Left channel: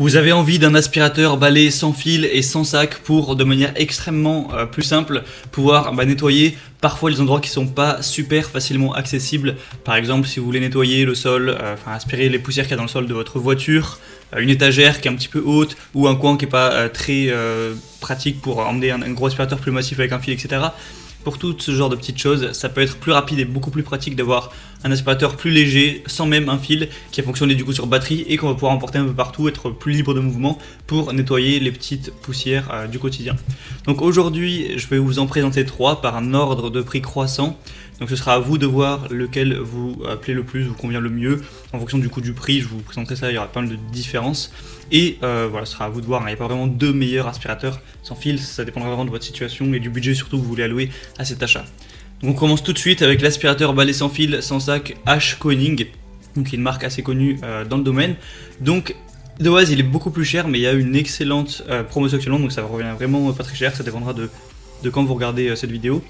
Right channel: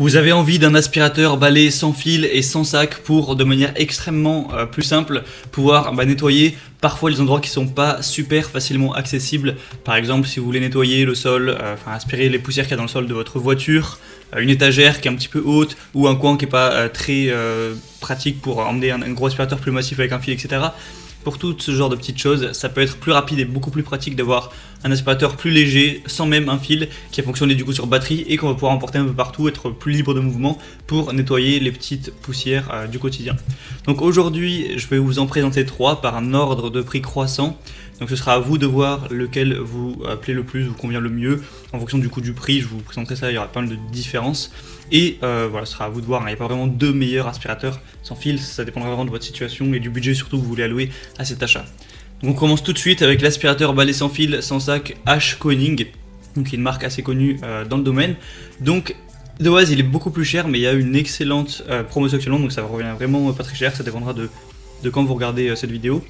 Vous avez envie d'un aspirateur balai sans fil et sans sac pour, de manière extrêmement plus simple, pouvoir nettoyer parfois les endroits qui sont pas super facilement accessibles. Par exemple, si vous voulez nettoyer le sol, aspirer les poussières qu'il y a dans le sol de votre voiture, une étagère qui est un petit peu haute ou un coin qui est pas très pratique pour emmener un gros aspirateur plus massif avec un fil, etc. Pour tout ce genre de petites choses, ça peut être plus rapide et beaucoup plus pratique d'avoir un aspirateur plus léger, sans même un fil, qui fonctionne du coup sur batterie et qu'on va pouvoir emporter un peu partout, être plus libre de mouvement pour nettoyer les petites poussières du quotidien. Donc aujourd'hui, je vais vous en présenter 3 par un ordre de prix croissant. Donc ce sera à vous de voir lequel vous plaît le plus, vous convient le mieux. En fonction du coût du prix, je vous présenterai ça, il y aura pas mal de différences. Et voilà, ce sera à vous de voir. Il n'y a pas vraiment 2 meilleurs aspirateurs sans fil, ça dépendra vraiment de votre situation et du budget surtout que vous voulez allouer à cet achat. Donc on commence tout de suite avec l'aspirateur balai sans fil, sans sac H-Koning, donc qui est une marque assez connue dans le domaine. Donc de base il est beaucoup plus cher, mais il y a une excellente promotion actuellement, donc ça revient vraiment pas très cher, ça dépendra de quand vous regardez cette vidéo.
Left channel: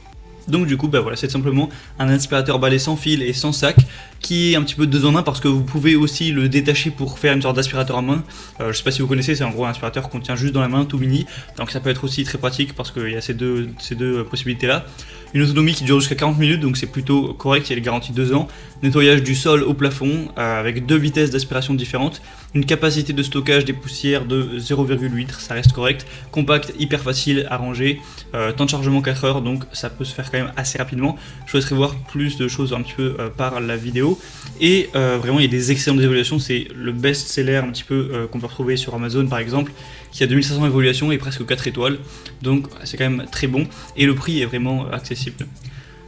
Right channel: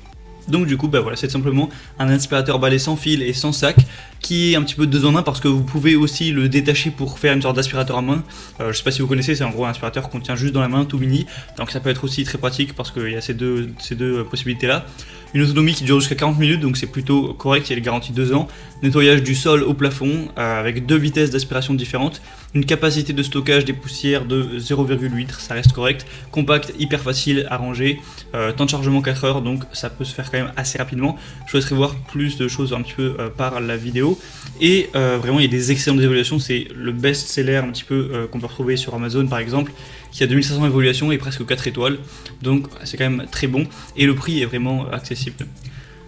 Donc du coup voilà, c'est simplement un aspirateur balai sans fil et sans sac qui est un petit peu 2 en 1 parce que vous pouvez aussi le détacher pour faire une sorte d'aspirateur à main. Je sais pas si vous connaissez, c'est en gros un aspirateur qu'on tient juste dans la main, tout mini, donc ça peut être aussi très pratique parce qu'il y a ces deux possibilités là. Une autonomie qui dure jusqu'à 40 minutes, donc c'est plutôt correct, il est garanti 2 ans. Nettoyage du sol au plafond avec 2 vitesses d'aspiration différentes. Une capacité de stockage des poussières de 0,8 litres, ça reste correct. Compact, hyper facile à ranger. Temps de chargement 4 heures, donc ça peut se faire quand même assez rapidement. Je vous laisserai voir plus de choses un petit peu par la vidéo. Et vraiment, il y a des excellentes évaluations. C'est le best-seller un petit peu qu'on peut retrouver sur Amazon par exemple, qui a 2600 évaluations et presque 4 étoiles. Donc c'est quand même très bon et le prix est vraiment accessible.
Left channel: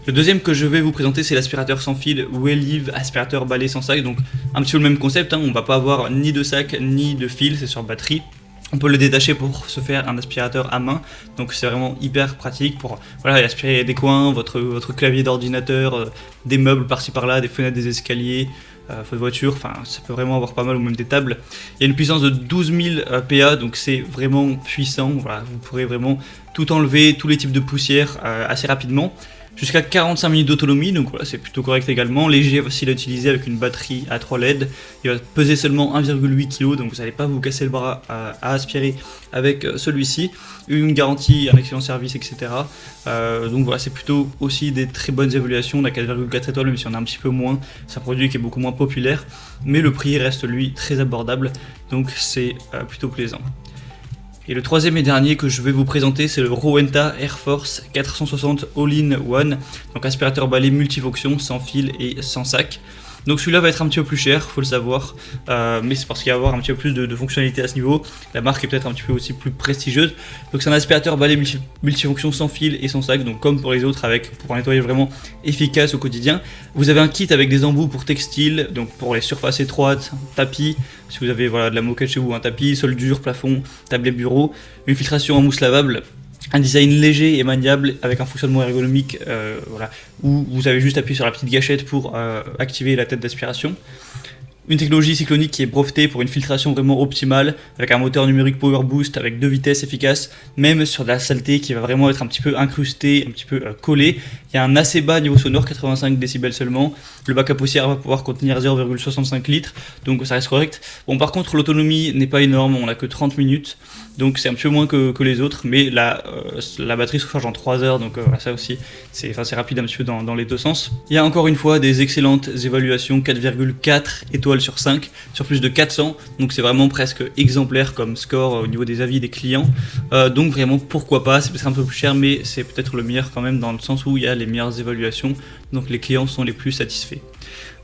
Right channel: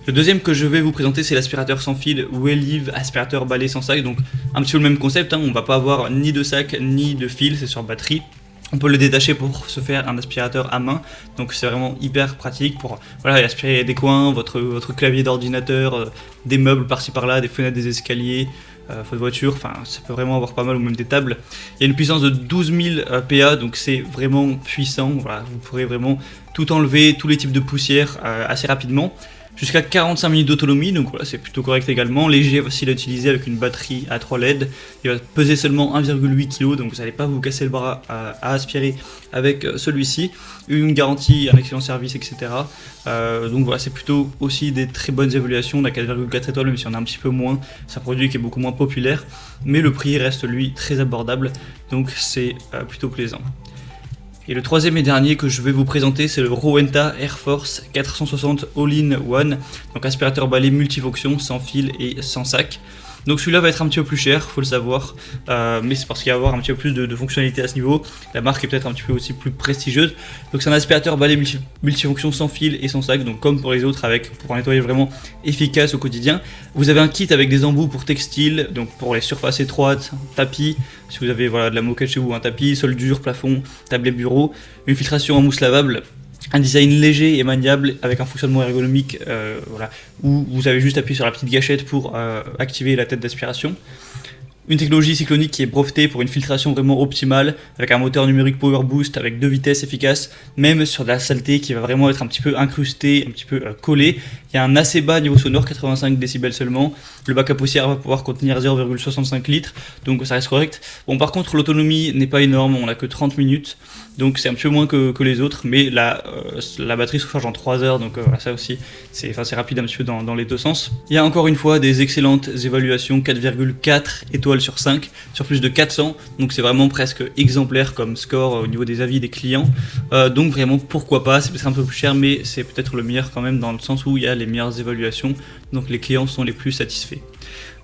Le deuxième que je vais vous présenter, c'est l'aspirateur sans fil Wellive aspirateur balai sans sac. Donc un petit peu le même concept, on va pas avoir ni de sac ni de fil, c'est sur batterie. On peut le détacher pour se faire un aspirateur à main, donc c'est vraiment hyper pratique pour aspirer des coins, votre clavier d'ordinateur, des meubles par-ci par-là, des fenêtres, des escaliers, votre voiture, ça peut vraiment avoir pas mal ou même des tables. Il y a une puissance de 12 000 PA, donc c'est vraiment puissant. Voilà, vous pourrez vraiment tout enlever, tous les types de poussière assez rapidement. Jusqu'à 45 minutes d'autonomie, donc voilà, c'est plutôt correct également. Léger, facile à utiliser avec une batterie à 3 LED. Il va peser seulement 1,8 kg, donc vous n'allez pas vous casser le bras à aspirer avec celui-ci. Une garantie, un excellent service, etc. Donc voilà, c'est plutôt aussi des très bonnes évaluations. On a 4,4 étoiles, même si on a un petit peu moins. C'est un produit qui est beaucoup moins populaire, mais le prix reste lui très abordable, donc c'est plutôt plaisant. Et le troisième et dernier que je vais vous présenter, c'est le Rowenta Air Force 460 All-in-One, donc aspirateur balai multifonction, sans fil et sans sac. Donc celui-là va être un petit peu plus cher, faut le savoir, mais c'est parce qu'il va avoir un petit peu plus de fonctionnalité à ce niveau. La marque est peut-être un petit peu aussi plus prestigieuse. Donc c'est un aspirateur balai multifonction sans fil et sans sac, donc comme pour les autres, pour un nettoyage vraiment efficace au quotidien. Vous avez un kit avec des embouts pour textiles, donc pour les surfaces étroites, tapis, si vous avez de la moquette chez vous, un tapis, sol dur, plafond, tablé bureau, une filtration en mousse lavable. Un design léger et maniable avec un fonctionnement ergonomique où vous avez juste appuyé sur la petite gâchette pour activer la tête d'aspiration. Une technologie cyclonique qui est brevetée pour une filtration vraiment optimale avec un moteur numérique Power Boost avec 2 vitesses efficaces, même sur de la saleté qui va vraiment être un petit peu incrustée, un petit peu collée. Il y a un assez bas niveau sonore, 85 décibels seulement. Le bac à poussière va pouvoir contenir 0,65 litres, donc ça reste correct. Bon, par contre, l'autonomie n'est pas énorme, on n'a que 30 minutes, donc c'est un petit peu moins que les autres, mais la batterie se recharge en 3 heures, donc ça aussi, c'est rapide un petit peu dans les deux sens. Il y a encore une fois des excellentes évaluations, 4,4 étoiles sur 5, sur plus de 400, donc c'est vraiment presque exemplaire comme score au niveau des avis des clients. Donc vraiment, pourquoi pas, c'est peut-être un peu plus cher, mais c'est peut-être le meilleur quand même, dans le sens où il y a les meilleures évaluations, donc les clients sont les plus satisfaits.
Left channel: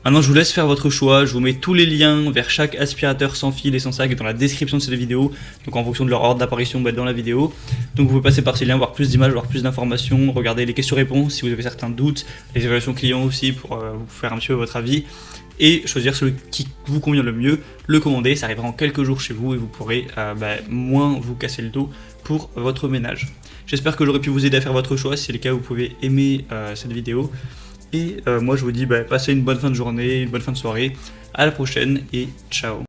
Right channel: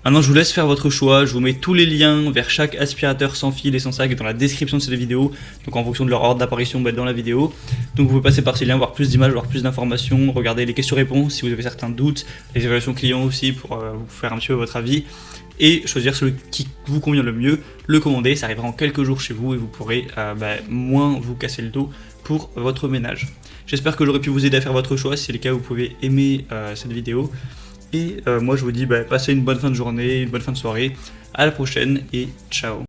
Maintenant, je vous laisse faire votre choix. Je vous mets tous les liens vers chaque aspirateur sans fil et sans sac dans la description de cette vidéo. Donc en fonction de leur ordre d'apparition dans la vidéo. Donc vous pouvez passer par ces liens, voir plus d'images, voir plus d'informations, regarder les questions-réponses si vous avez certains doutes, les évaluations clients aussi pour vous faire un petit peu votre avis. Et choisir celui qui vous convient le mieux, le commander, ça arrivera en quelques jours chez vous et vous pourrez moins vous casser le dos pour votre ménage. J'espère que j'aurai pu vous aider à faire votre choix. Si c'est le cas, vous pouvez aimer cette vidéo. Et moi je vous dis passez une bonne fin de journée, une bonne fin de soirée, à la prochaine et ciao.